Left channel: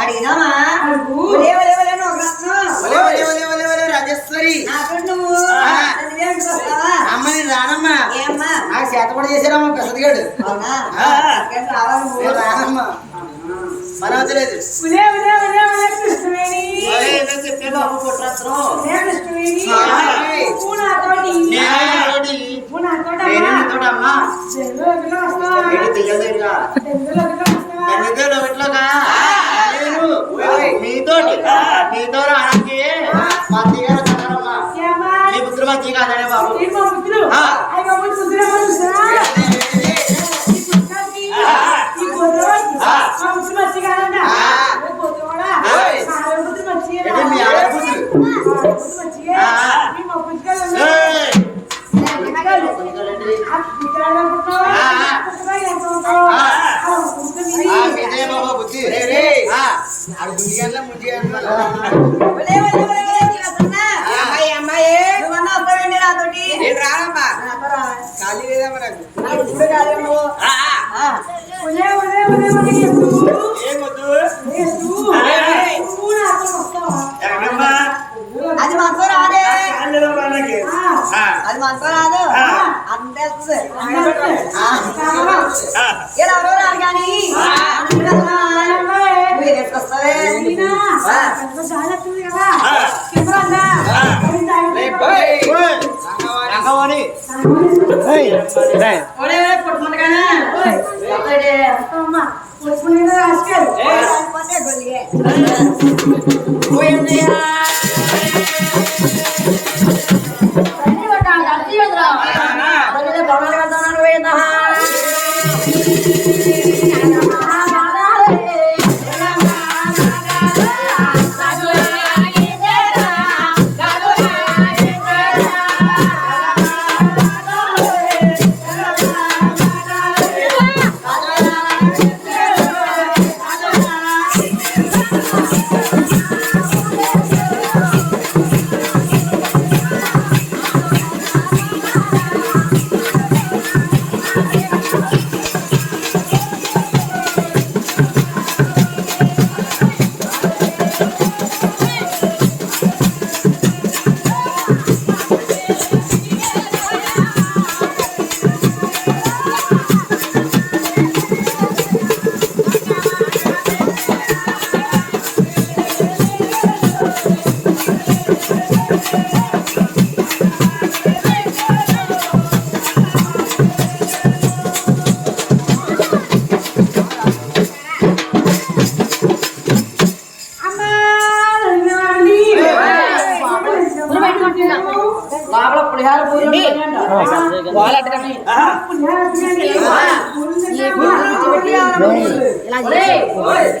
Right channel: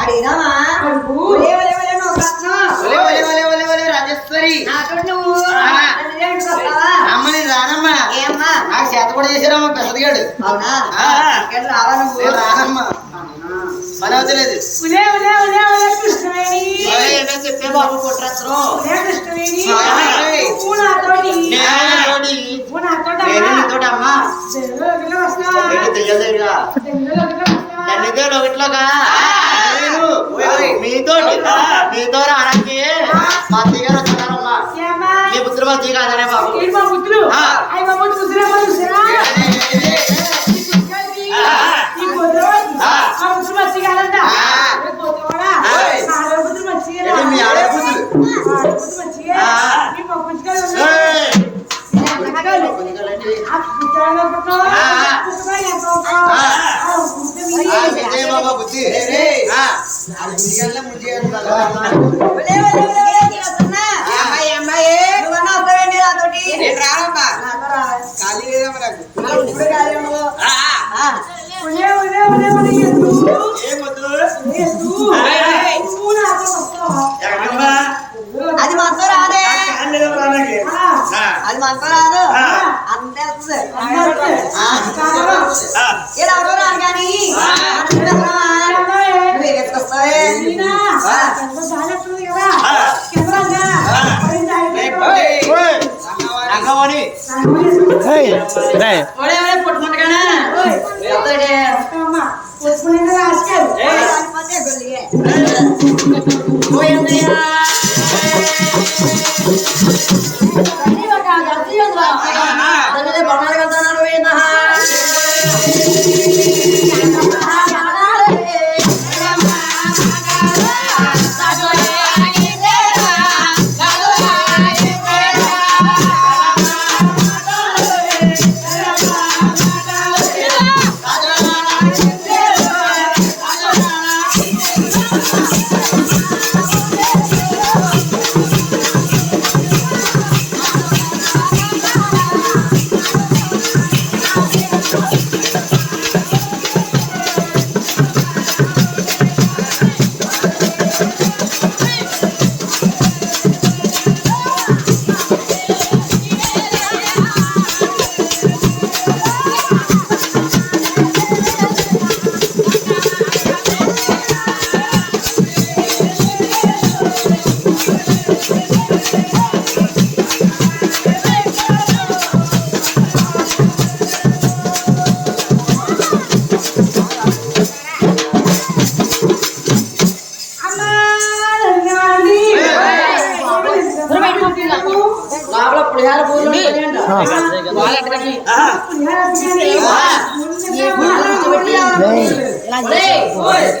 అడిగినామా రాజేశ్వరి అమ్మని రానమ్మా నాకు చేత కూడా చేశారమ్మా పెసదిగాడు. అవునా రానమ్మా పని అవుతలేదు. చెప్పే బాబు కుట్రత్రం అమ్మా ఒకటిలోగా మీతో రావడానికి మా తీగారు వస్తున్నారమ్మా. మీ పుత్రులు మా తీ కాదనే బాబు. మీ ఆడపుత్రులు బాబా బుద్ధి ఖాళీ లేదమ్మా అది మనతో రాదే అది మనతో రాదు అంతే ఎవరో రాదు కానీ వేసుకొస్తావే పుట్టుకుంటగానే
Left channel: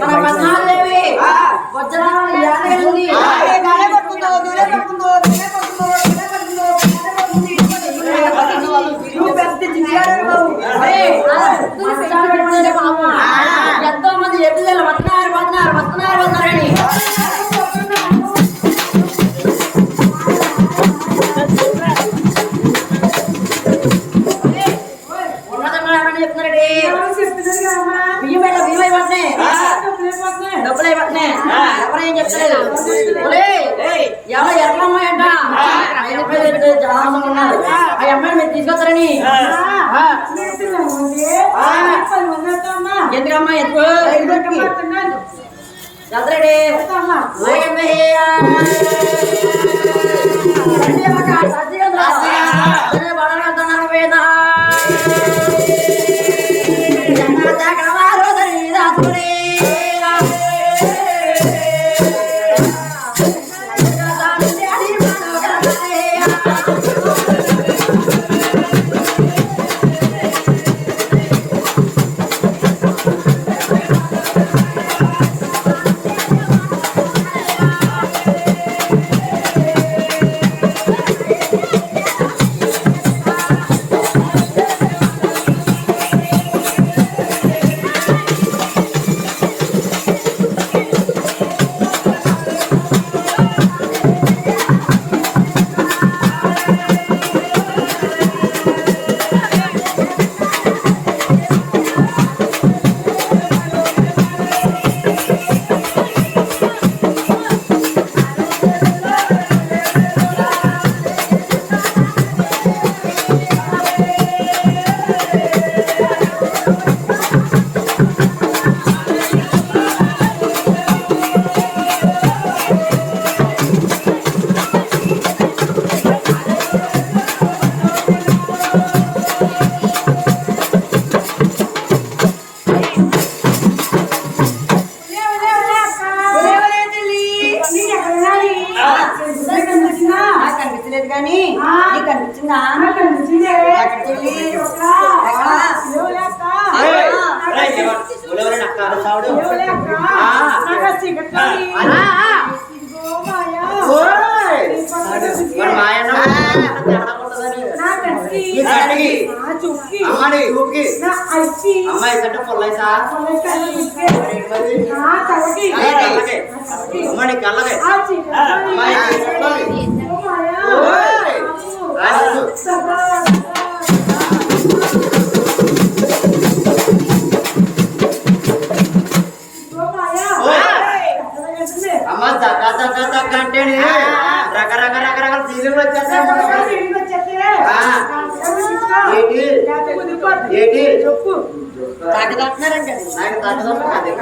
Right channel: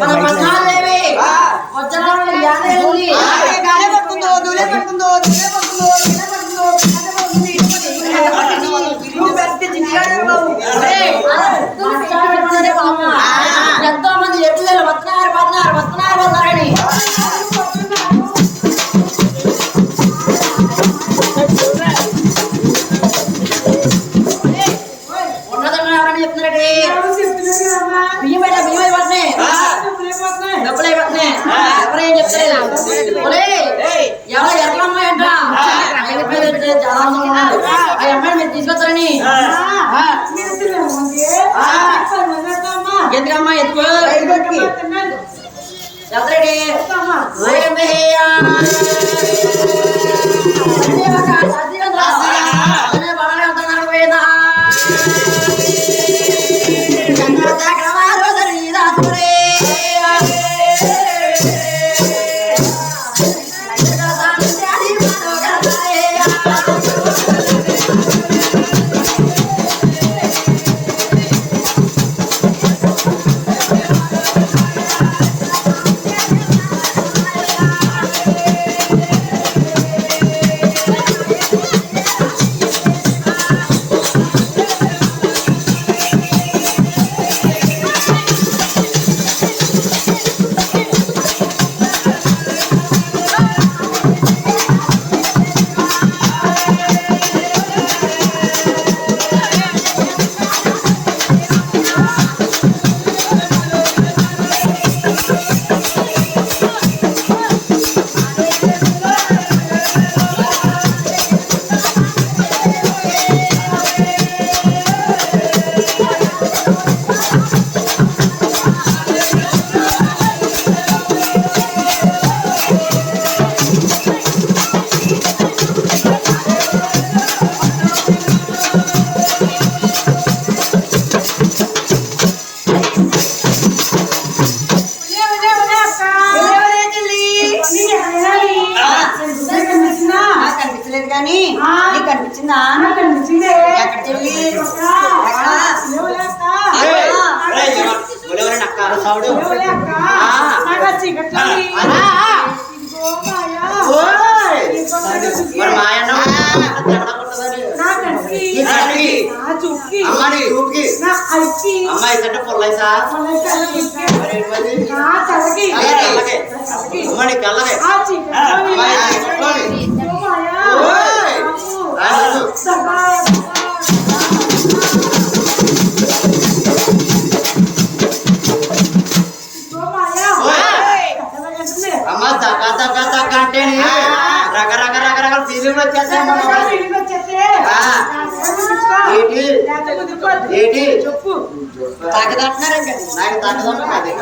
మన పద్మాదేవి వజ్రాలు యాదగిరి పట్టుకుందో దూలే పట్టుకుందో ఎంతో మంది ఎప్పుడు వస్తున్నారని ఎవరేం చెప్తలేదు ఎవరో ఎరకలమ్మాయి అంట ఆ అబ్బాయి చాలా అందంగా ఉన్నారు. ఆ అమ్మాయిని మీరు తీసుకొస్తారని ఎందుకమ్మా ఎందుకు చెప్తారెడ్డి తెలిసిందే ఎక్కడ చెల్లి అక్క సావుడు మరి మాయన్న అమ్మాయి చూపుకి అమ్మాయి అంటే పొల్లైసా అమ్మాయి కళ్ళగే అమ్మాయి అమ్మ దగ్గ దగ్గ దగ్గ అంటే రకరకాల ఫీలింగ్ వచ్చేస్తాయి ఏంటి చెప్పు తాకదంటున్నారండి నాకు తగ్గదమ్మా అదే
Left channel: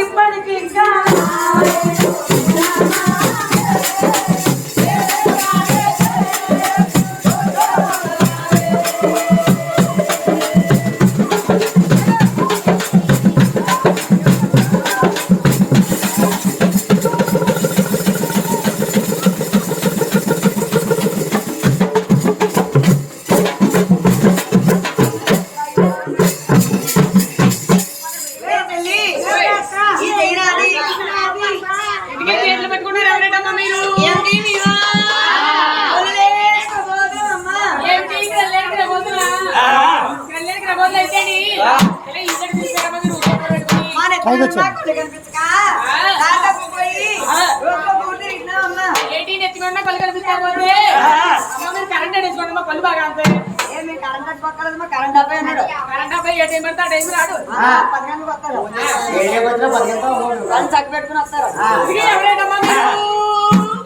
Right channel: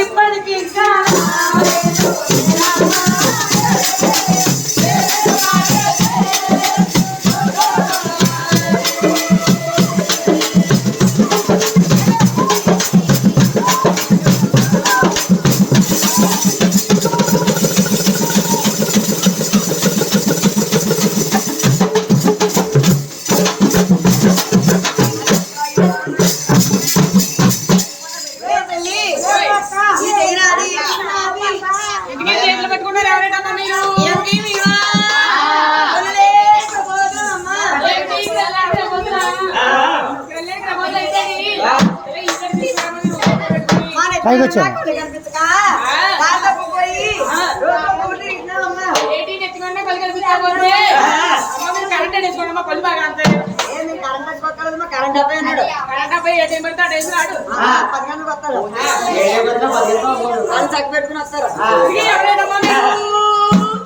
ఇప్పటికి కరెంట్ అబ్బాయి అన్నాడు వాళ్ళు చక్క పెట్టుకుని వస్తారు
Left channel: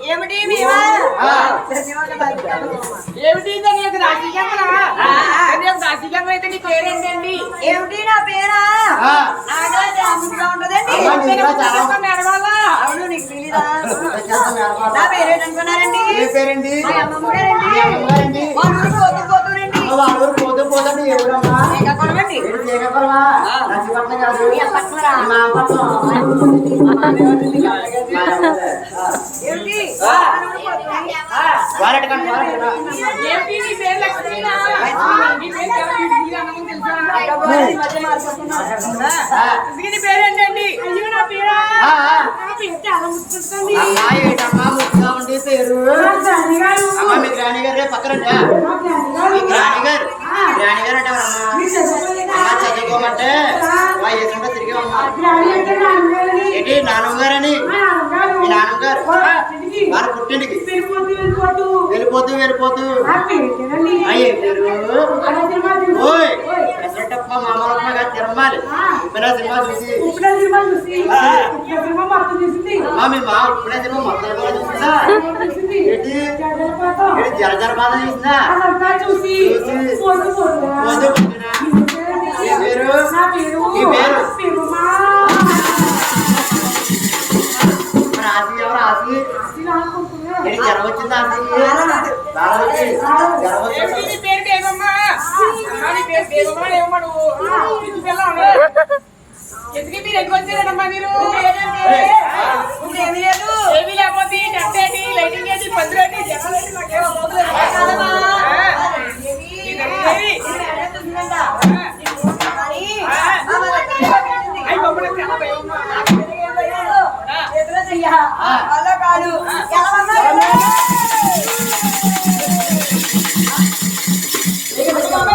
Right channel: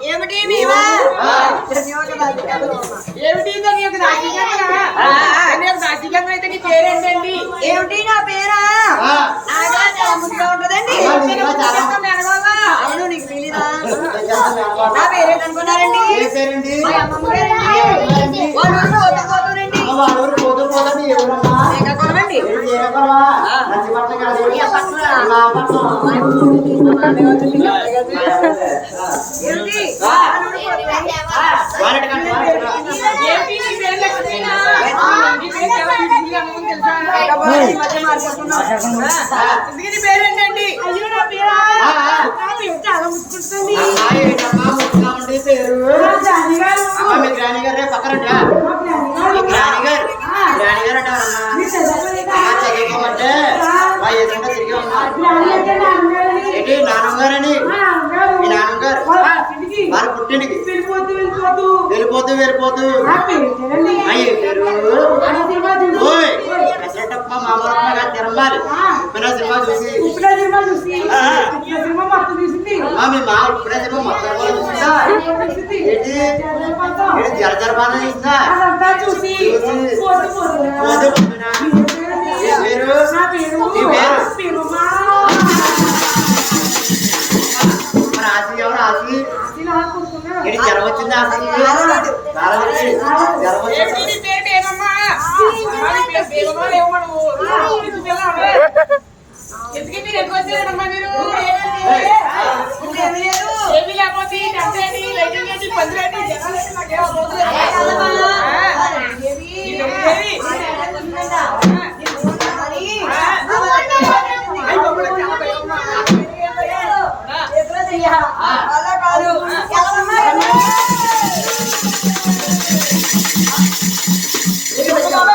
ఏమిటి మేమా అయితే నీ పేరేంటండి ఏమిటి నా పేరా ముందుగా ఉంటదండి అవును నీకు తెలీదా నా పేరేంటనుకున్నారండి మా అమ్మమ్మ గారండి వాళ్ళ ఊరు పోతూరండి శ్రీకాకుళమండి ఏమిటి పేరేంటండి అయ్యో నా పేరా నా పేరు చాలా ముట్టుకుంటుంది మీ గ్రాని గారు పక్కరండి గ్రాని గారు చదువుకోమంటే వేసుకుంటే తిరిగి ఉన్నా ఏంటి నాన్నగారని మీ నాన్నగారు వాళ్ళ పుట్టింటికి వెళ్ళిపోతూ పెసరటప్ప మామూలప్ప గారు తిరమాలి ఉప్పిన సినిమా చూసి మీ మా ఉప్పిన సినిమా మొత్తం కూడా చూసిందా ఏంటి జర బాధ చూసిందా చూసి ఆశ ఎవరు ఆశ ఏంటి జ్వరం వచ్చిందా ఎందుకు మీరు ఎక్కువ వచ్చారమ్మా మీరు ఏమీ లేకపోతే కట్టేటి లైటింగ్ ఏంటి పందిరేటి జనాలేంటి నాకేమో అలా కాదు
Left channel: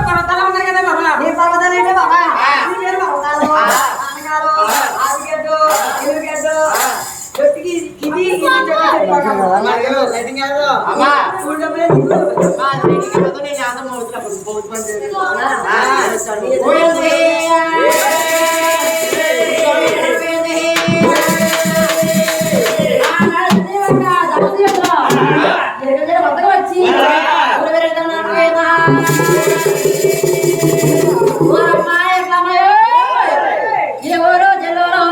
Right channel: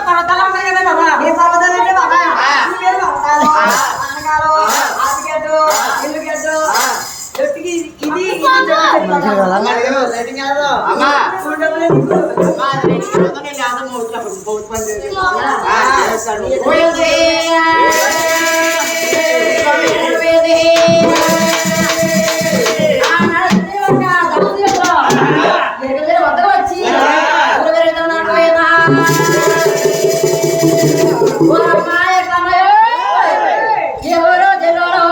పర్వతాలు ఉన్నాయి కదా బాబా ఏ పర్వతాలు అంటే బాబా పేరు పర్వతాలు ఆనగారు ఆదిగడ్డు ఎల్లుగడ్డు జొట్టుకి ఇది వచ్చి ఎవరో జలో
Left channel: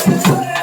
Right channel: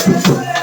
రంగు